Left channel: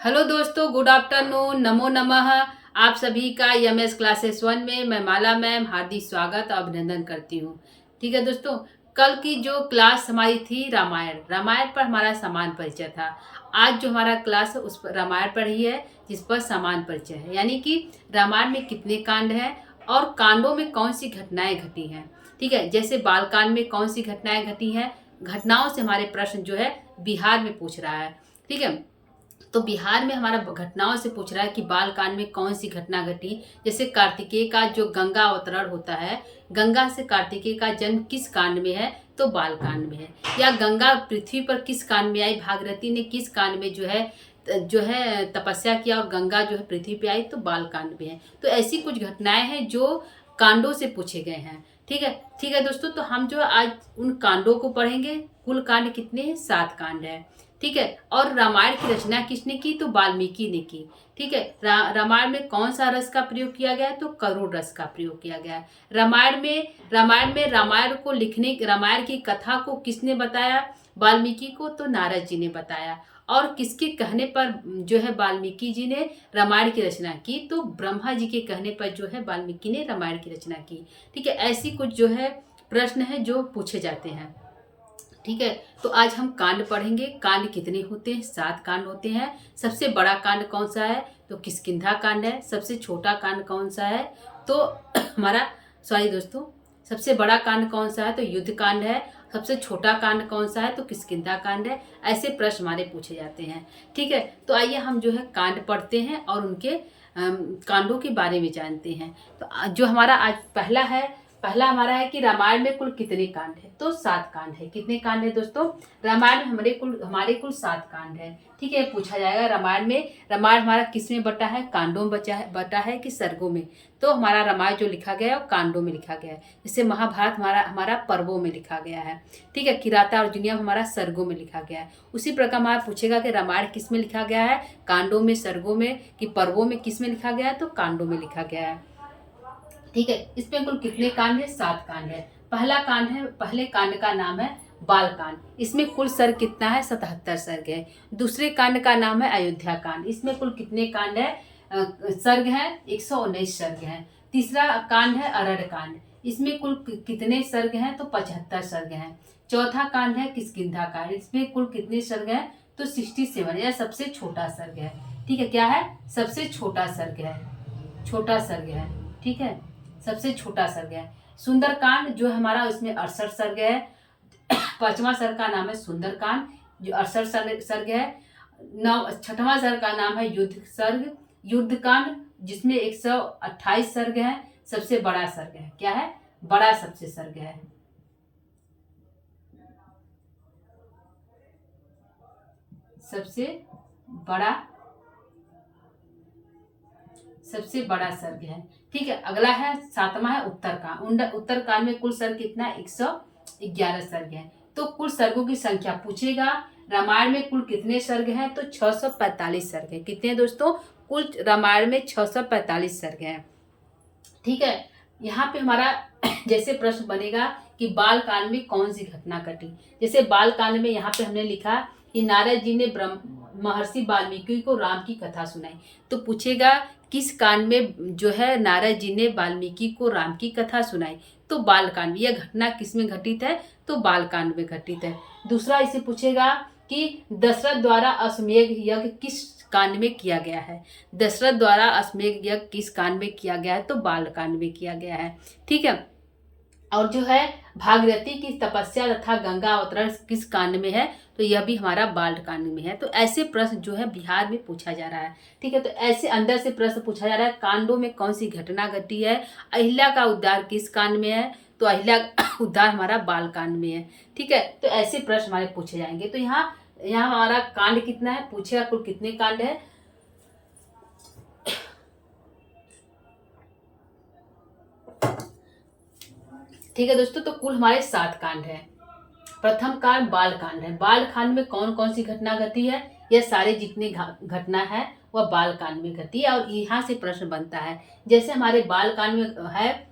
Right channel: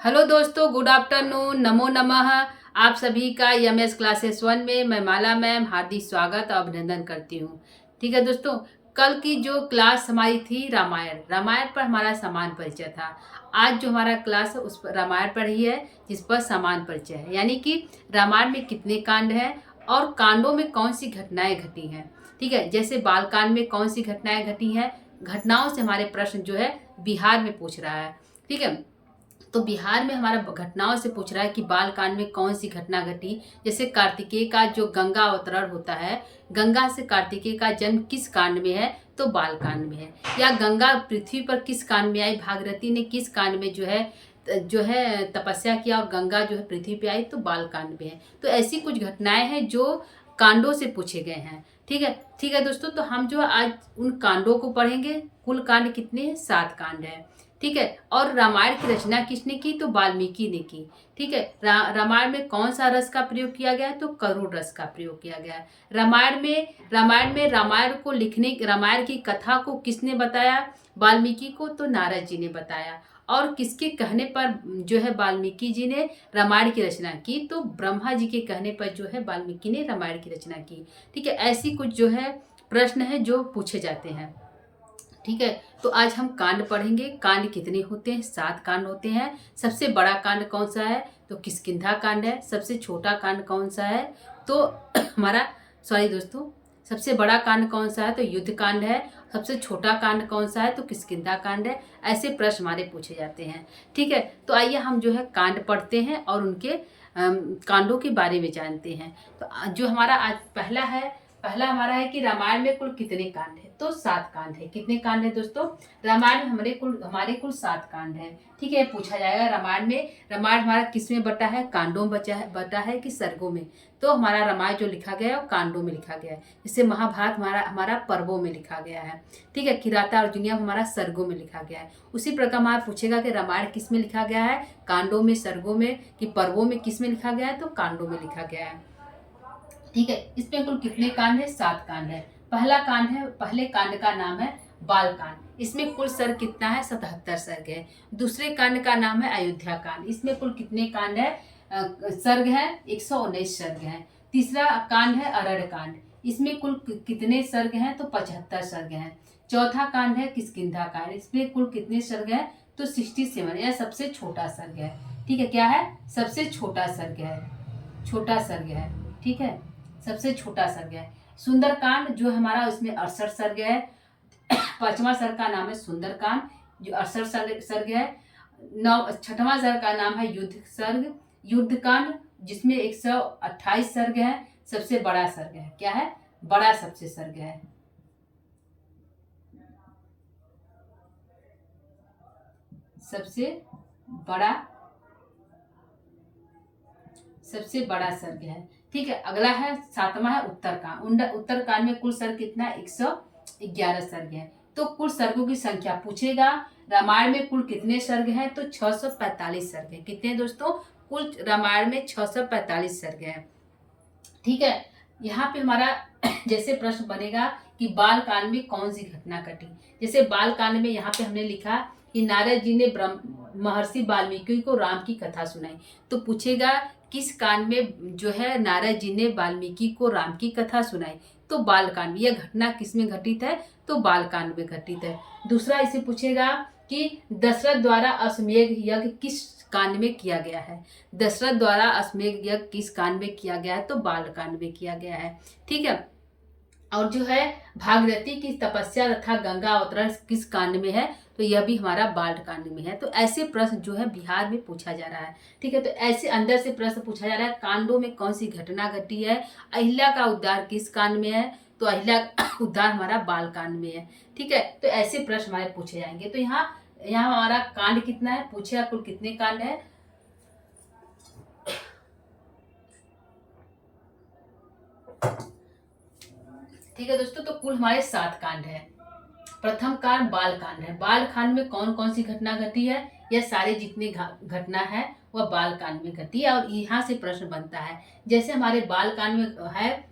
Hello दोस्तों, good afternoon, नमो नमः। आप सभी का एमएस क्लासेस 1 में मैं माला मैम हार्दिक स्वागत और अभिनंदन करती हूँ। ठीक है दोस्तों, कल की जो क्लास हमारी थी रामायण पर हमारा समान परिचय था। आज जो हमारा क्लास है उस पर रामायण पर ही है, जिस पर समान परिचय है, यानी कि रामायण में कितने कांड हैं और कांडों में कौन सी घटनाएं घटी हैं। ठीक है, जैसे बाल कांड में कौन सी घटनाएं घटी हैं, घटनाओं से हमारे प्रश्न जो है बिहार में पूछ रहा है। ठीक है, तो बिहार में हमारा घटनाओं से पूछ रहा है कि बाल कांड में कौन सी घटना घटी। जैसे कार्तिकेय का जो गंगा अवतरण होता है, गंगा से कार्तिकेय का जन्म किस कांड में है, तो बाल कांड में है। या गंगा पृथ्वी पर किस कांड में आई, भागीरथी ने किस कांड में जो है तपस्या किया और गंगा जो है पृथ्वी पे आई, तो बाल कांड में है। तो ऐसी कुछ घटनाएं हैं जो कांडों से पूछे गए हैं। ठीक है दोस्तों, तो हम जो आज उन कांडों को पढ़ेंगे। कुल कांड कितने हैं? 7 कांड है। ठीक है, और रामायण की रचना किसने की, तो वाल्मीकि ने की। ठीक है, रामायण में कौन सा रस का प्रयोग किया गया है, तो करुण रस का प्रयोग किया गया है। रामायण को लिखने, रामायण की कथा को किसने बताया, वाल्मीकि को, तो नारद जी ने बताया। और किसके कहने पर जो है वाल्मीकि जी ने रामायण की रचना की, तो ब्रह्मा जी के कहने पर जो है वाल्मीकि ने रामायण की रचना की। ठीक है, ऐसी कुछ जो है प्रश्न है जो पूछे जाते हैं। ठीक है, तो आज हम कांड पढ़ेंगे। कांड कितने होते हैं? 7 कांड होते हैं। सबसे बड़ा कांड कौन सा है, तो किष्किंधा कांड है। सबसे छोटा कांड कौन सा है, तो हमारा सॉरी दोस्तों, सबसे बड़ा कांड कौन सा है, तो युद्ध कांड है। सबसे छोटा कांड कौन सा है, तो किष्किंधा कांड है। ऐसे प्रश्न हमारे पूछे जाते हैं। ठीक है, तो आइए हम जो है कांड पढ़ते हैं और उनके कांडों के बारे में जानते हैं। तो जो हमारा आज पहला हमारा है कि रामायण में कुल कितने कांड है, तो 7 कांड है। कितने कांड है दोस्तों? रामायण में हमारे कुल 7 कांड है। ठीक है, पूछा जाएगा रामायण हमारा किस में बटा है, कांडों में बटा है कि सर्गों में। तो हमारा रामायण जो लिखा गया है वो कांडों में लिखा गया है। जैसे महाभारत हमारा पर्वों में लिखा गया है। ठीक है, किराता अर्जुनियम हमारा सर्गों में लिखा गया है। उसी प्रकार हमारा पूछेगा कि रामायण किस में लिखा गया है, कांडों में, सर्गों में, कि पर्वों में किस में लिखा गया है, तो कांडों में लिखा गया है। ठीक है, इसमें कुल कितने कांड है? 7 कांड है। पहले कांड का नाम है बाल कांड। इसमें कुल सर्ग कितना है? 77 सर्ग है। दूसरे कांड का नाम है अयोध्या कांड। इसमें कुल कितने कांड है? सर्ग है 119 सर्ग है। तीसरा कांड है अरण्य कांड। इसमें कुल कितने सर्ग हैं, तो 75 सर्ग हैं। चौथा कांड है किष्किंधा कांड। इसमें कुल कितने सर्ग हैं, तो 67, यह सबसे छोटा सर्ग है। ठीक है, क्या है? सबसे छोटा सर्ग है, छोटा सर्ग है। ठीक है, सबसे छोटा सर्ग है। सुंदरकांड जो हमारा, इसमें 68 सर्ग है। 5वां सर्ग का नाम है सुंदरकांड, जो 68 सर्ग है। 6वां सर्ग का नाम है युद्ध कांड, जिसमें 128 सर्ग है। सबसे बड़ा सर्ग है, क्या है? बड़ा सबसे सर्ग है। सबसे बड़ा सर्ग है। ठीक है, अगला है 7वां है उत्तरकांड। उत्तरकांड में कुल सर्ग कितना है? 111 सर्ग है। तो कुल सर्गों की संख्या पूछेगा। रामायण में कुल कितने सर्ग हैं, तो 645 सर्ग है। कितने दोस्तों? कुल रामायण में 645 सर्ग है। ठीक है, यहाँ पे हमारा जैसे प्रश्न बनेगा कि बाल कांड में कौन सी घटना घटी। जैसे बाल कांड में यहाँ पे हमने लिखा कि नारद जी ने महर्षि वाल्मीकि को राम की कथा सुनाई। तो पूछेगा किस कांड में जो है नारद जी ने वाल्मीकि को राम की कथा सुनाई, तो बाल कांड में। यह घटना किस में घटित है, तो बाल कांड में घटित है। दूसरा इसे पूछेगा कि दशरथ द्वारा अश्वमेध यज्ञ किस कांड में किया गया है। दशरथ द्वारा अश्वमेध यज्ञ किस कांड में किया गया है, तो बाल कांड में किया गया है। ठीक है, और जो है भागीरथी की तपस्या तथा गंगा अवतरण किस कांड में है, तो यह भी हमारा बाल कांड में है। तो ऐसे प्रश्न जो है बिहार में पूछा जा रहा है। ठीक है, तो ऐसे अंदर से प्रश्न पूछा जा रहा है, कांडों में कौन सी घटना घटी है। अहिल्या का उद्धार किस कांड में है, तो अहिल्या उद्धार हमारा बाल कांड में है। ठीक है, तो ऐसे प्रश्न हमारे पूछे जाएंगे। तो यहाँ हमारा कांड कितना है, पूछेगा कुल कितने कांड है। ठीक है दोस्तों, तो कुल हमारे 7 कांड है। प्रथम कांड बाल कांड है। बाल कांड में कौन कौन सी घटना घटी है, यह सारे जितनी घटना है वह बाल कांड में घटी है। और यहाँ से प्रश्न बनता है, जैसे हमारे बाल कांड में है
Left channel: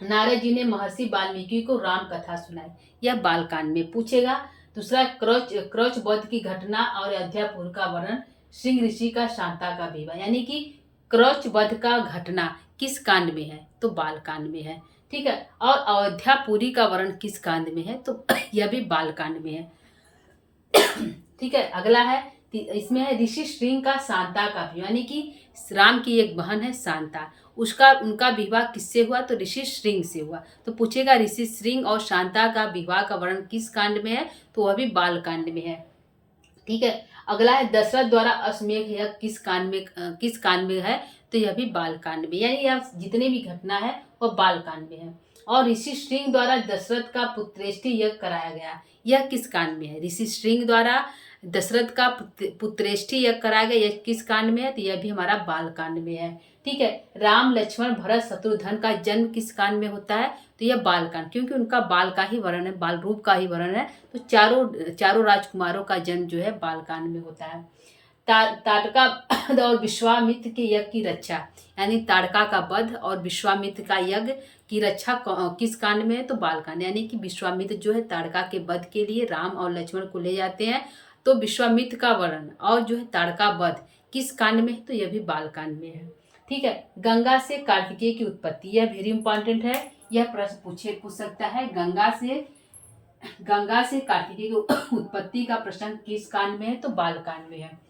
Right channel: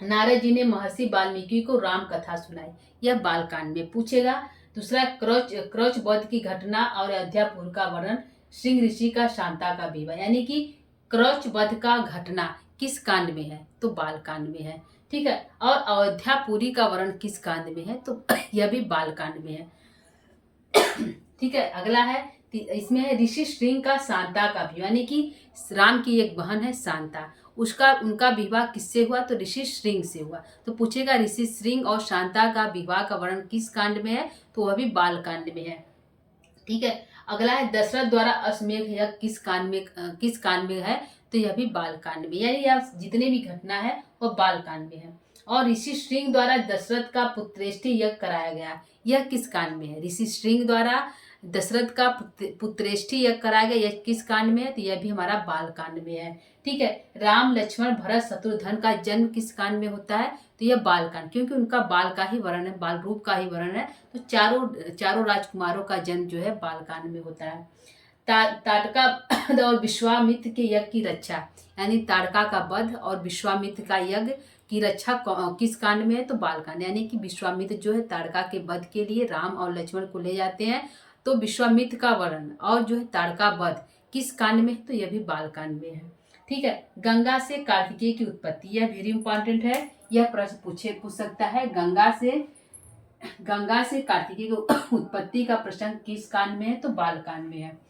नारद जी ने महर्षि वाल्मीकि को राम कथा सुनाई, यह बाल कांड में पूछेगा। दूसरा क्रौच वध की घटना और अयोध्यापुर का वर्णन श्रृंग ऋषि का शांता का विवाह, यानी कि क्रौच वध का घटना किस कांड में है, तो बाल कांड में है। ठीक है, और अयोध्यापुरी का वर्णन किस कांड में है, तो यह भी बाल कांड में है। ठीक है, अगला है, इसमें है ऋषि श्रृंग का शांता का विवाह, यानी कि राम की एक बहन है शांता, उसका उनका विवाह किससे हुआ, तो ऋषि श्रृंग से हुआ। तो पूछेगा ऋषि श्रृंग और शांता का विवाह का वर्णन किस कांड में है, तो वह भी बाल कांड में है। ठीक है, अगला है दशरथ द्वारा अश्वमेध यज्ञ किस कांड में है, तो यह भी बाल कांड में, यानी यह जितने भी घटना है वह बाल कांड में है। और ऋषि श्रृंग द्वारा दशरथ का पुत्रेष्टि यज्ञ कराया गया, यह किस कांड में है, ऋषि श्रृंग द्वारा दशरथ का पुत्रेष्टि यज्ञ कराया गया, यह किस कांड में है, तो यह भी हमारा बाल कांड में है। ठीक है, राम लक्ष्मण भरत शत्रुघ्न का जन्म किस कांड में होता है, तो यह बाल कांड, क्योंकि उनका बाल का ही वर्णन है, बाल रूप का ही वर्णन है, तो चारों राजकुमारों का जन्म जो है बाल कांड में होता है। ताड़का और विश्वामित्र के यज्ञ की रक्षा, यानी ताड़का का वध और विश्वामित्र का यज्ञ की रक्षा किस कांड में है, तो बाल कांड, यानी कि विश्वामित्र जो है ताड़का के वध के लिए राम और लक्ष्मण को ले जाते हैं, तो विश्वामित्र का वर्णन और जो है ताड़का वध किस कांड में है, तो यह भी बाल कांड में है। ठीक है, गंगा से कार्तिकेय की उत्पत्ति, यह वेरी इंपॉर्टेंट है, यह प्रश्न पूछ सकता है। गंगा से कार्तिकेय की उत्पत्ति का प्रसंग किस कांड में है, तो बाल कांड में है।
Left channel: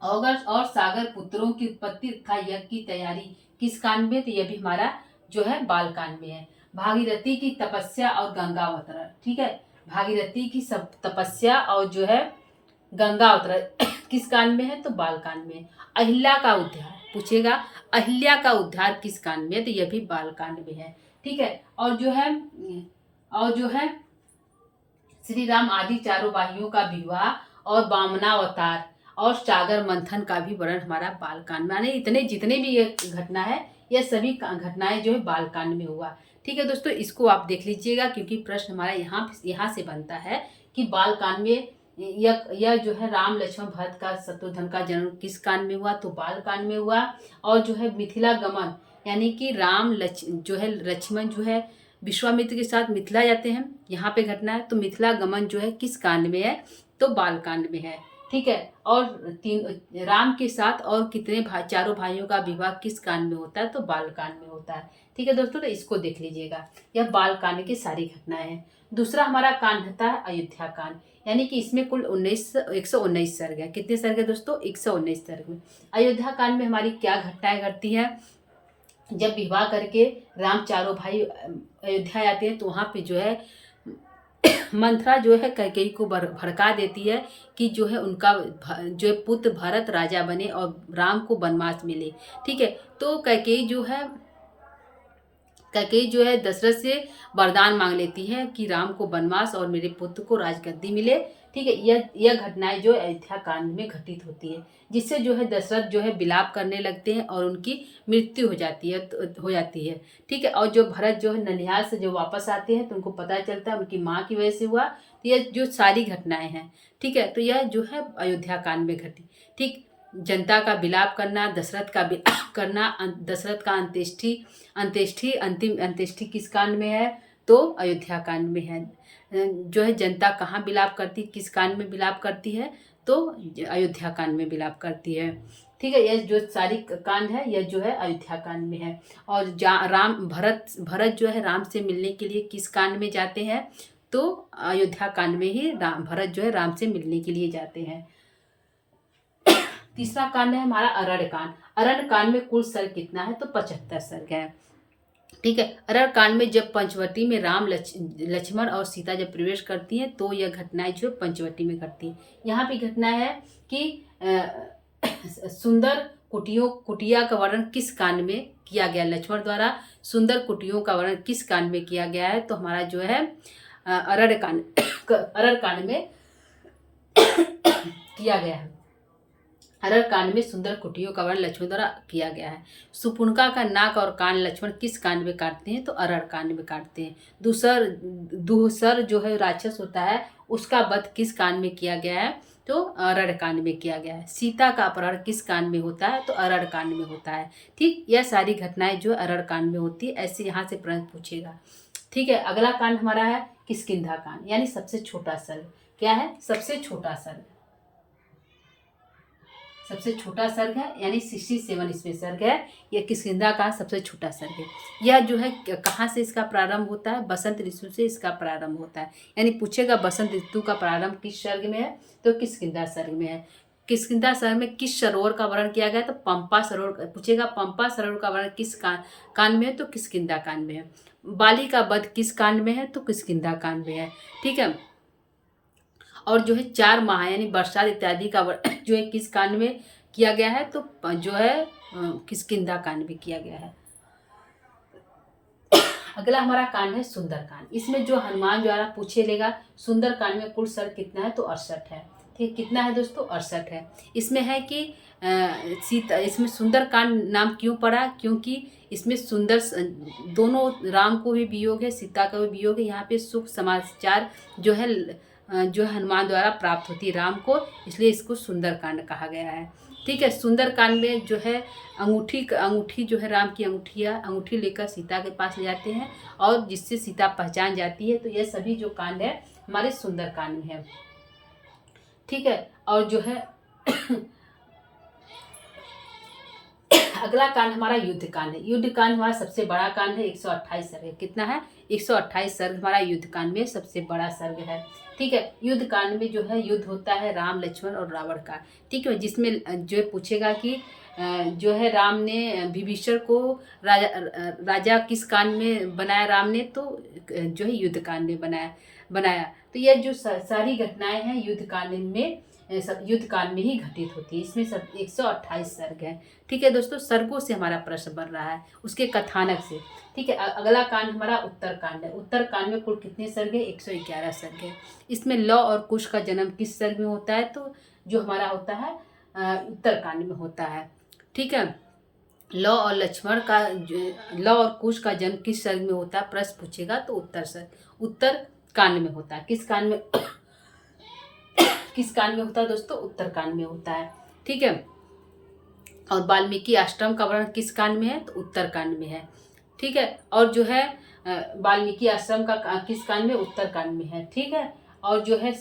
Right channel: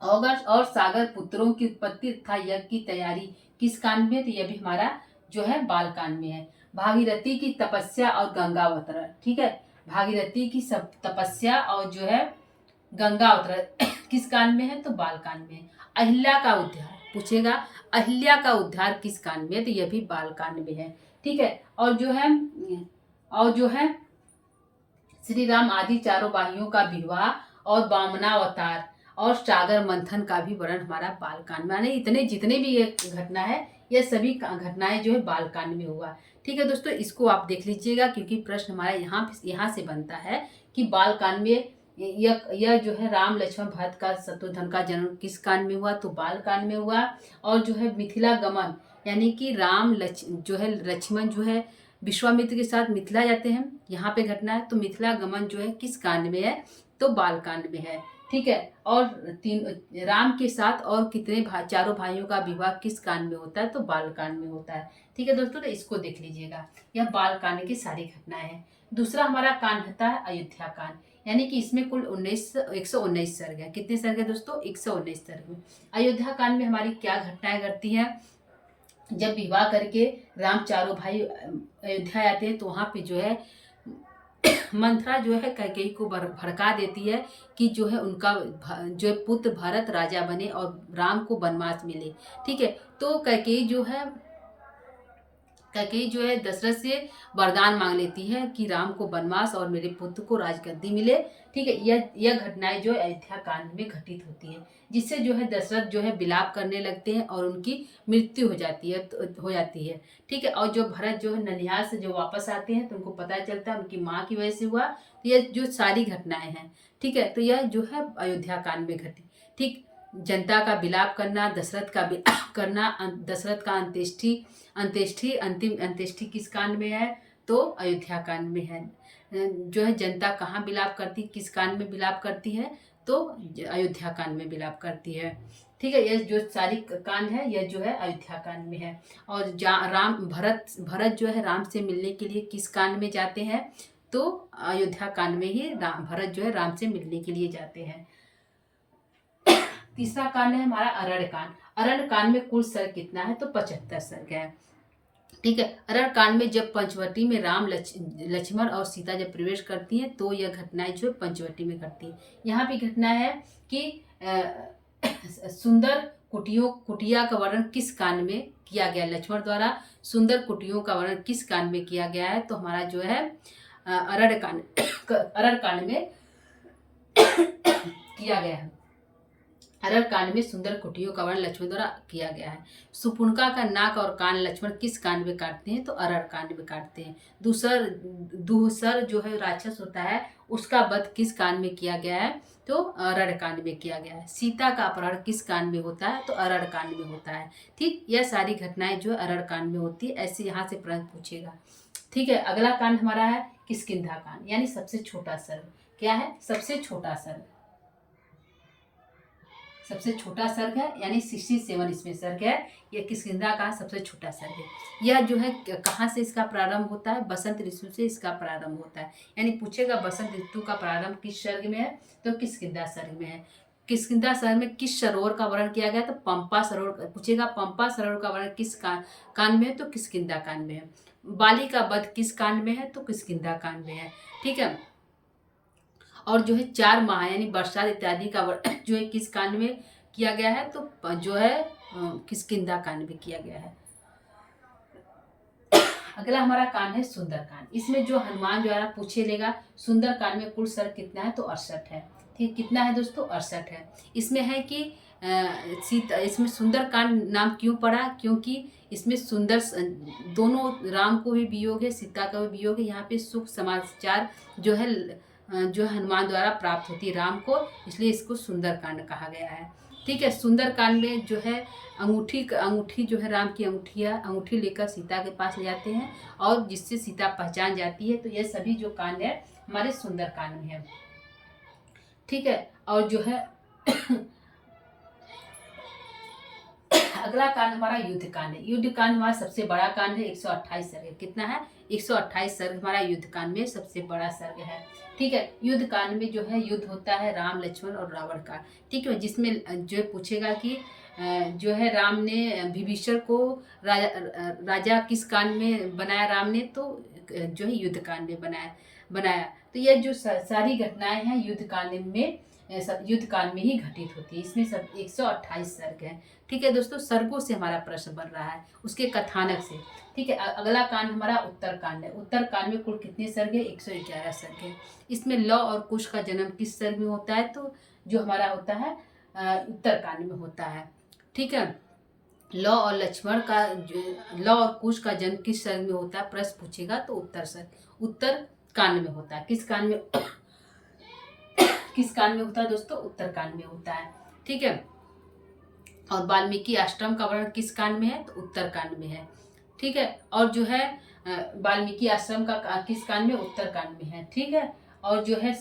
अगस्त और सागर पुत्रों की उत्पत्ति तथा यज्ञ की तैयारी किस कांड में, तो यह भी हमारा जो है बाल कांड में है। भागीरथी की तपस्या और गंगा अवतरण, ठीक है, भागीरथी की सब तपस्या और जो है गंगा अवतरण किस कांड में है, तो बाल कांड में है। अहिल्या का उद्धार पूछेगा, अहिल्या का उद्धार किस कांड में है, तो यह भी बाल कांड में है। ठीक है, और जो है श्री राम आदि चारों वाहियों का विवाह और वामनावतार और सागर मंथन का भी वर्णन हमारा बाल कांड में, यानी इतने जितने भी ये घटना है, यह सभी घटनाएं जो है बाल कांड में हुआ। ठीक है दोस्तों, इसको आप देख लीजिएगा, क्योंकि प्रश्न हमारा यहाँ से बनता है कि बाल कांड में यह जो है राम लक्ष्मण भरत का शत्रुघ्न का जन्म किस कांड में हुआ, तो बाल कांड में हुआ। और जो है मिथिला गमन, यानी कि जो है लक्ष्मण जो है विश्वामित्र के साथ मिथिला जाते हैं, यहाँ पे घटना है, तो मिथिला गमन जो है किस कांड में है, तो बाल कांड में है। ठीक है, और राम के साथ और कितने चारों भाइयों का विवाह किस कांड में होता है, तो बाल कांड में होता है। ठीक है दोस्तों, तो इसको देख लीजिएगा, यह बाल कांड की सारी घटनाएं हैं। दूसरा हमारा कांड होता है अयोध्या कांड, यानी कि इसमें कुल 119 सर्ग है। कितने सर्ग है दोस्तों, 119 सर्ग में। अयोध्या कांड में हमारी क्या घटनाएं घटती है, जब विवाह करके राम चारों भाई अयोध्या आते हैं, तो वहाँ पे जो है मंथरा जो है कैकेयी को भड़का देती है कि जो है उनका जो है पुत्र भरत राजा बने और राम को वनवास मिले। ठीक है, तो कैकेयी जो है दशरथ से वरदान मांग लेती है कि राम को वनवास और मेरे पुत्र को राजगद्दी मिले। ठीक है, यह घटनाएं जो अयोध्या कांड में घटित होती है, जिससे जो है दशरथ जो है विलाप करने लगते हैं और उनकी मृत्यु हो जाती है। ठीक है, और जो भरत जो है ननिहाल से जो वापस आते हैं, तो उनको पता चलता है उनकी माँ की वजह से हुआ। तो यह जो सारी घटनाएं हैं, ठीक है, तो यह जो है अयोध्या कांड में घटी। ठीक, जनता का विलाप करना, दशरथ का विलाप करना, दशरथ का अंतिम अंत्येष्टि किस कांड में है, तो अयोध्या कांड में है। जो है जनता कहाँ विलाप करती, किस कांड में विलाप करती है, तो अयोध्या कांड में विलाप करती है। ठीक है, यह जो सारी कांड है यह जो है अयोध्या कांड में है। और भरत जो है राम से मिलने के लिए किस कांड में जाते हैं, तो अयोध्या कांड में ही भरत जो है राम से मिलने के लिए जाते हैं। तीसरा कांड है हमारा अरण्य कांड। अरण्य कांड में कुल सर्ग कितना है, तो 75 सर्ग है। ठीक है, अरण्य कांड में जब पंचवटी में राम लक्ष्मण और सीता जब प्रवेश करती हैं, तो यह घटनाएं जो पंचवटी में घटती है। यहाँ पे घटना है कि सुंदर कुटिया का वर्णन किस कांड में किया गया, लक्ष्मण द्वारा सुंदर कुटियों का वर्णन किस कांड में किया गया है, तो हमारा जो है अरण्य कांड में किया गया है। अरण्य कांड में सुंदर कुटियों का वर्णन लक्ष्मण द्वारा किया गया है। सुपुनका का नाक और कान लक्ष्मण किस कांड में काटते हैं, तो अरण्य कांड में काटते हैं। दूसर जो है राक्षस होता है, उसका वध किस कांड में किया गया है, तो अरण्य कांड में किया गया है। सीता का अपहरण किस कांड में होता है, तो अरण्य कांड में होता है। ठीक, यह सारी घटनाएं जो अरण्य कांड में होती है, ऐसे यहाँ से प्रश्न पूछेगा। ठीक है, अगला कांड हमारा है किष्किंधा कांड, यानी सबसे छोटा सर्ग। क्या है, सबसे छोटा सर्ग। सबसे छोटा सर्ग है, यानी 67 इसमें सर्ग है। यह किष्किंधा का सबसे छोटा सर्ग है। यह जो है कहाँ से इसका प्रारंभ होता है? बसंत ऋतु से इसका प्रारंभ होता है। यानी पूछेगा बसंत ऋतु का प्रारंभ किस सर्ग में है, तो किष्किंधा सर्ग में है। किष्किंधा सर्ग में किस सरोवर का वर्णन किया गया? तो पंपा सरोवर पूछेगा। पंपा सरोवर का वर्णन किस कांड में है? तो किष्किंधा कांड में है। बाली का वध किस कांड में है? तो किष्किंधा कांड में है। ठीक है। और जो है 4 माह यानी बरसात इत्यादि का जो है किस कांड में किया गया है? तो जो है किष्किंधा कांड में किया गया है। अगला हमारा कांड है सुंदर कांड। इसमें जो हनुमान द्वारा पूछे लेगा, सुंदर कांड में कुल सर्ग कितना है? तो 68 है। ठीक, कितना है दोस्तों? 68 है। इसमें है कि सीता, इसमें सुंदर कांड नाम क्यों पड़ा? क्योंकि इसमें सुंदर दोनों, राम को भी वियोग है, सीता का भी वियोग है। यहाँ पे सुख समाचार जो है हनुमान द्वारा प्राप्त होती है राम को, इसलिए इसको सुंदर कांड कहा गया है। ठीक है। सुंदर कांड में जो है अंगूठी जो है, राम की अंगूठी लेकर सीता के पास ले जाते हैं और जिससे सीता पहचान जाती है। तो यह सभी जो कांड है हमारे सुंदर कांड में है। ठीक है। और जो है अगला कांड हमारा युद्ध कांड है। युद्ध कांड हमारा सबसे बड़ा कांड है, 128 सर्ग है। कितना है? 128 सर्ग हमारा युद्ध कांड में सबसे बड़ा सर्ग है। ठीक है। युद्ध कांड में जो है युद्ध होता है राम, लक्ष्मण और रावण का। ठीक है। जिसमें जो पूछेगा कि जो है राम ने विभीषण को राजा किस कांड में बनाया राम ने? तो जो है युद्ध कांड में बनाया। तो यह जो सारी घटनाएं हैं युद्ध कांड में, युद्ध कांड में ही घटित होती है। इसमें सब 128 सर्ग है। ठीक है दोस्तों, सर्गों से हमारा प्रश्न बन रहा है, उसके कथानक से। ठीक है। अगला कांड हमारा उत्तर कांड है। उत्तर कांड में कुल कितने सर्ग है? 111 सर्ग है। इसमें लव और कुश का जन्म किस सर्ग में होता है? तो जो हमारा होता है उत्तर कांड में होता है। ठीक है। लव और लक्ष्मण का, लव और कुश का जन्म किस सर्ग में होता है? प्रश्न पूछेगा तो उत्तर कांड में होता है। किस कांड में किस कांड में होता है दोस्तों? उत्तर कांड में होता है। ठीक है। और वाल्मीकि आश्रम का वर्णन किस कांड में है? तो उत्तर कांड में है। ठीक है। और जो है वाल्मीकि आश्रम का किस कांड में? उत्तर कांड में है। ठीक है। और जो है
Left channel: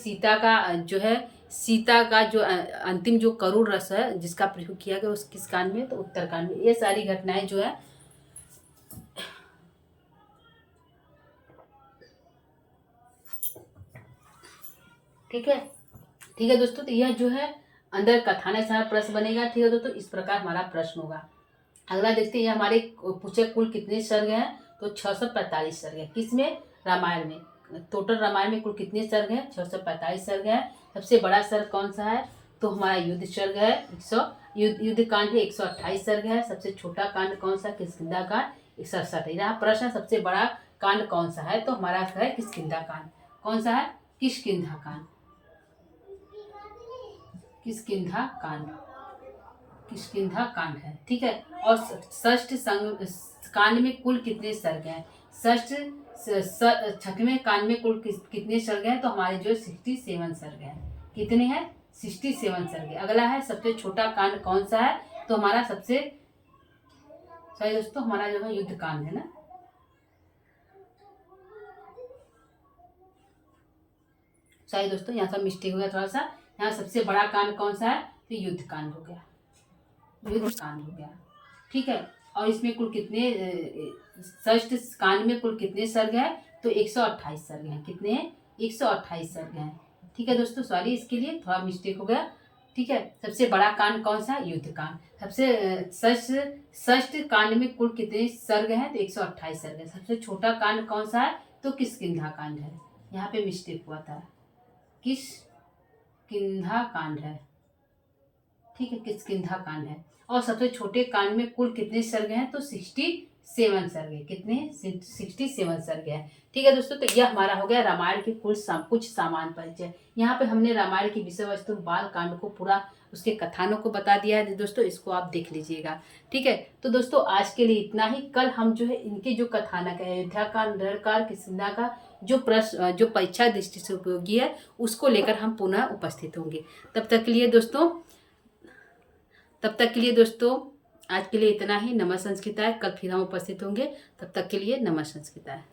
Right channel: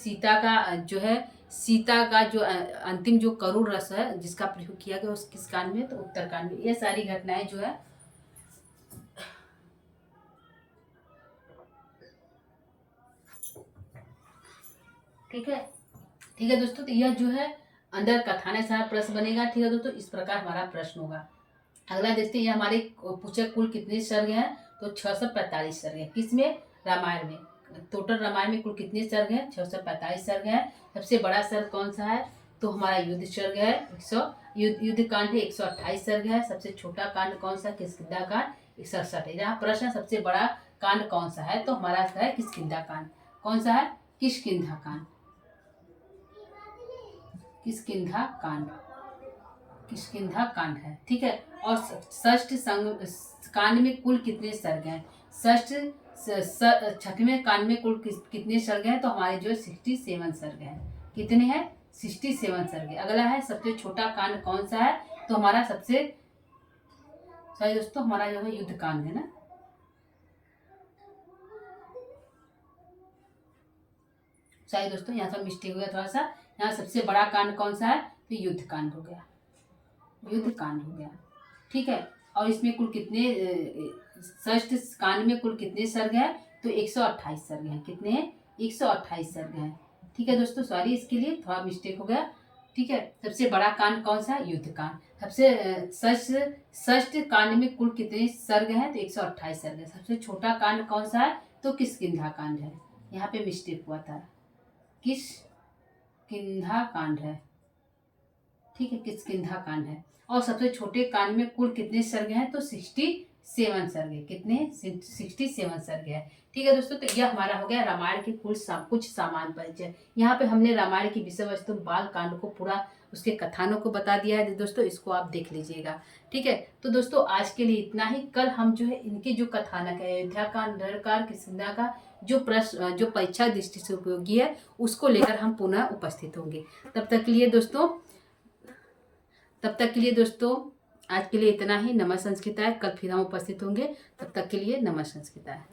सीता का जो अंतिम जो करुण रस है जिसका प्रयोग किया गया उस किस कांड में? तो उत्तर कांड में। ये सारी घटनाएं जो है ठीक है। ठीक है दोस्तों, तो यह जो है अंदर कथानक सारा प्रश्न बनेगा। ठीक है दोस्तों, इस प्रकार हमारा प्रश्न होगा। अगला देखते हैं, हमारे पूछे कुल कितने सर्ग हैं? तो 645 सर्ग है। किसमें? रामायण में। टोटल रामायण में कुल कितने सर्ग हैं? 645 सर्ग है। सबसे बड़ा सर्ग कौन सा है? तो हमारा युद्ध सर्ग है। युद्ध कांड है, 128 सर्ग है। सबसे छोटा कांड कौन सा? किष्किंधा कांड, 67 है। यहाँ प्रश्न सबसे बड़ा कांड कौन सा है? तो हमारा है किष्किंधा कांड। कौन सा है? किष्किंधा कांड। किष्किंधा कांड है। ठीक है। और षष्ठ कांड में कुल कितने सर्ग हैं? छठवें कांड में कुल कितने सर्ग हैं? तो हमारे जो 67 सर्ग हैं। कितने हैं? 67 सर्ग है। अगला है सबसे छोटा कांड कौन सा है? तो हमारा सॉरी दोस्तों, हमारा जो है युद्ध कांड है ना। सॉरी दोस्तों, यहाँ पर मिस्टेक हो गया थोड़ा सा। यहाँ सबसे बड़ा कांड कौन सा है? तो युद्ध कांड हो गया। ठीक है। और इसमें कुल कितने षष्ठ कांड में कुल कितने सर्ग हैं? तो 128 सर्ग हैं। कितने हैं? 128 सर्ग हैं। ठीक है दोस्तों, सॉरी इसके लिए थोड़ा मिस्टेक हो गया। ठीक है। सबसे बड़ा कांड कौन सा? युद्ध कांड। सबसे षष्ठ कांड में कुल कितने सर्ग हैं? तो 128 सर्ग है। सबसे छोटा कांड कौन सा है? तो किष्किंधा कांड है। यहाँ पे मिस्टेक हुआ था, किष्किंधा कांड है। ठीक है, किष्किंधा कांड है। और सबसे छोटे कांड में कुल कितने सर्ग हैं? तो 67 सर्ग है। कितने? 67 सर्ग है। ठीक है दोस्तों, तो यह हमारा हो गया रामायण के कुछ सामान्य परिचय। यहाँ पे हमने रामायण की विषय वस्तु बाल कांड को पूरा उसके कथानों को बता दिया है दोस्तों, इसको आप देख लीजिएगा। ठीक है। तो दोस्तों आज के लिए इतना ही। कल हम जो है इनके जो कथानक है, अयोध्या कांड, नरकांड, किष्किंधा का जो प्रश्न जो परीक्षा दृष्टि से उपयोगी है उसको लेकर हम पुनः उपस्थित होंगे। तब तक के लिए दोस्तों आज के लिए इतना ही। नमः संस्कृताय। कल फिर हम उपस्थित होंगे। तब तक के लिए नमः संस्कृताय।